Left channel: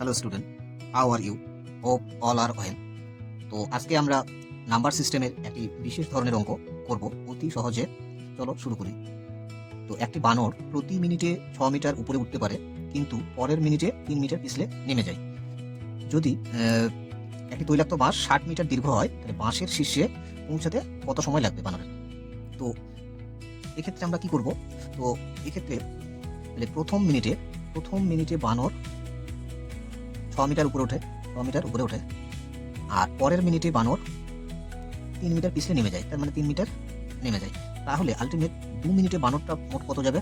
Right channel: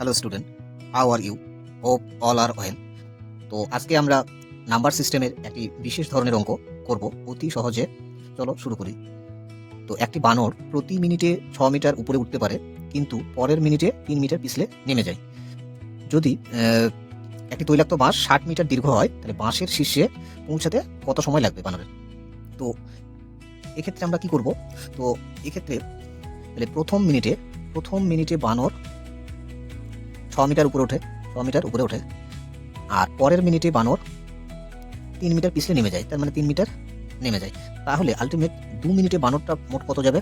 Hello student, how are you? Hope all are well. তো আজকে আমরা নাম্বার সিস্টেমের একটি বিশেষ ধরনের অঙ্ক করব অতি সহজে। চলো শুরু করি। তো একটি বানর প্রতি মিনিটে 6 মিটার উপরে উঠতে পারে, কিন্তু পরের মিনিটে 3 মিটার পিছলে নেমে যায়। যদি একটি তৈলাক্ত বাঁশ 60 মিটার দীর্ঘ হয়, তাহলে বাঁশের শীর্ষে পৌঁছাতে কত সময় লাগবে বানরের? তো এক্ষেত্রে আমরা কি করব? তো এক্ষেত্রে তাহলে প্রথম মিনিটে বানর 6 মিটার উপরে ওঠে, 6 মিটার উপরে ওঠে। আর পরের মিনিটে বানর 3 মিটার পিছলে নেমে যায়, তার মানে 3 মিটার নেমে যায়। তাহলে আল্টিমেট 2 মিনিটে বানরটা মোট কত যাবে?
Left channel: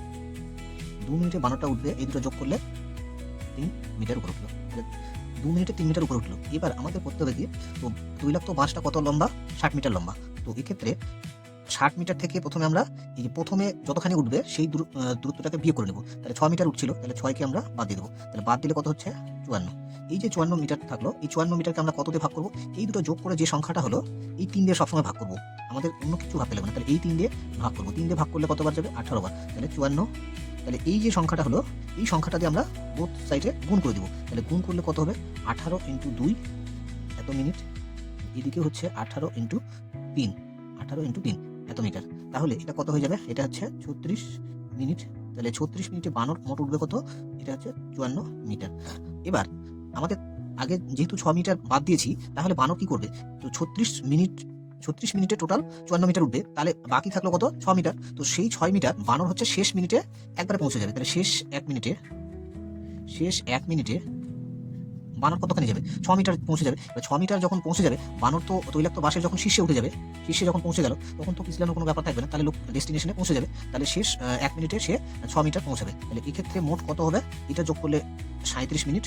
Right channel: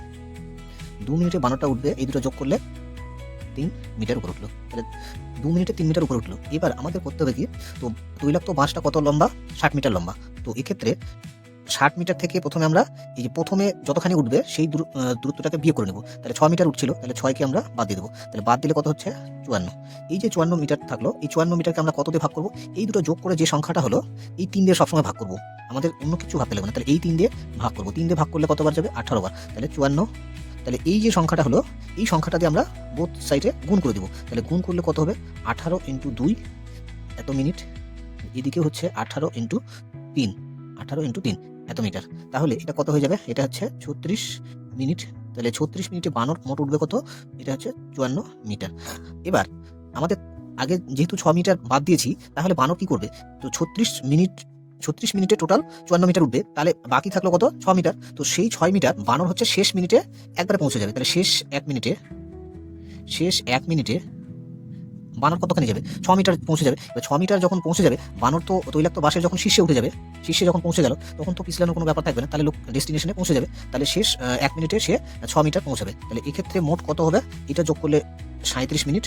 2 মিনিটে বানরটা উঠবে, এই দুটো যোগ করলে 3 মিটার উপরে উঠলো। তাহলে 2 মিনিটে 3 মিটার উপরে উঠলো। এবার আমাদের করতে হবে কি, তো তৈলাক্ত বাঁশটা কত লম্বা? 60 মিটার লম্বা। তো এক্ষেত্রে 60 মিটার থেকে প্রথমে আমরা এই যে প্রথমে যতখানি উঠবে সেই দূরত্বটাকে বিয়োগ করে নেব। তাহলে 6 মিটার উঠছিল, তাহলে 6 কে আমরা বাদ দিয়ে দেবো। তাহলে বাদ দিলে কত হচ্ছে? 54। এই যে 54 মিটার থাকলো, এই 54 মিটারকে আমরা কত দিয়ে ভাগ করবো? এই দুটো যোগ করে যে সংখ্যাটা হলো, এই 3 দিয়ে সবসময় ভাগ করবো। আমাদের অন্য কিছু ভাবতে লাগবে না। তাহলে এই 3 দিয়ে ভাগ করবো। 3 দিয়ে ভাগ করলে কতবার যাবে? 18 বার। তাহলে 54। তাহলে এই যে সংখ্যাটা হলো, এই সংখ্যাটা দিয়ে আমরা বোথ সাইডে গুণ করে দেবো। তাহলে গুণ করলে কত হবে? 18 ইন্টু 2 এত মিনিট। এদিকে হচ্ছে 18 ইন্টু 3, 18 ইন্টু 3 এত মিটার। তাহলে এটা কত হয়ে যাবে? এটা হচ্ছে 36 মিনিট। তাহলে 36 মিনিটে বানর মোট উঠবে কত? এটা হচ্ছে 54 মিটার। এবার আমাদের আগে যেহেতু 6 মিটার বাদ দিয়েছি, তাহলে বানর কি করবে? তো 36 মিনিটে টোটাল 54 মিটার উঠবে, তাহলে বাকি থাকলো কত? 6 মিটার। তো সেই 6 মিটার বানর হচ্ছে শেষ মিনিটে একবারে পৌঁছে যাবে। তাহলে শেষ 1 মিনিটে বানর কতখানি যাবে? 6 মিটার পৌঁছে যাবে। এবার 6 মিটার যখন পৌঁছে যাবে, বানর তো তৈলাক্ত বাঁশের যখন শীর্ষে উঠে যাবে, শীর্ষে যখন পৌঁছে গেল, তখন তো পিছলানোর কোনো ব্যাপার থাকবে না। তাহলে লোক ডেস্টিনেশনে পৌঁছে যাবে। তাহলে শেষ 1 মিনিটে সে 6 মিটার পৌঁছাবে। তাহলে এক্ষেত্রে মোট কত হবে? এটা যোগ করলে 37 মিনিট।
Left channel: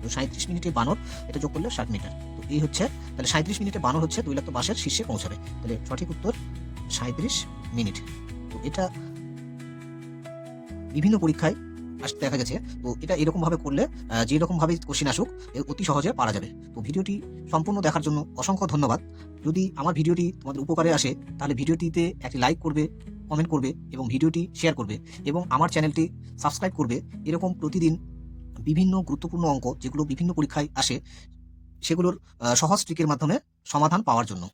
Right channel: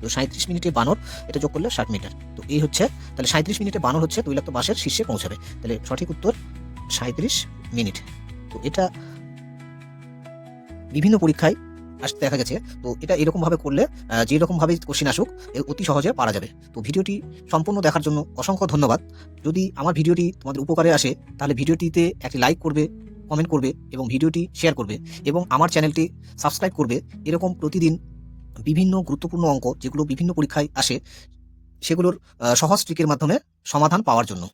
তো 37 মিনিটে বানর, এটা যোগ করলে 60 মিটার। তো এই হচ্ছে, তাহলে 37 মিনিটে বানর হচ্ছে তৈলাক্ত বাঁশের শীর্ষে পৌঁছাবে। তাহলে সঠিক উত্তর 37 মিনিট। তো এটা বিভিন্ন পরীক্ষায় আসতে দেখা গেছে। তো এটা এরকমভাবে করলে যেরকমভাবে কোশ্চেন আসুক, অতি সহজে পারা যাবে। তো ভিডিওটি সম্পূর্ণ দেখার জন্য অসংখ্য ধন্যবাদ। যদি আমার ভিডিওটি তোমাদের উপকারে আসে, তাহলে ভিডিওটিতে একটি লাইক করবে, কমেন্ট করবে এবং ভিডিওটি শেয়ার করবে এবং আমার চ্যানেলটি সাবস্ক্রাইব করবে। এরকম প্রতিদিন বিভিন্ন গুরুত্বপূর্ণ অঙ্ক যেগুলো বিভিন্ন পরীক্ষায় আসে, সেগুলোর সহজ ট্রিকের মাধ্যমে সমাধান পাওয়ার জন্য।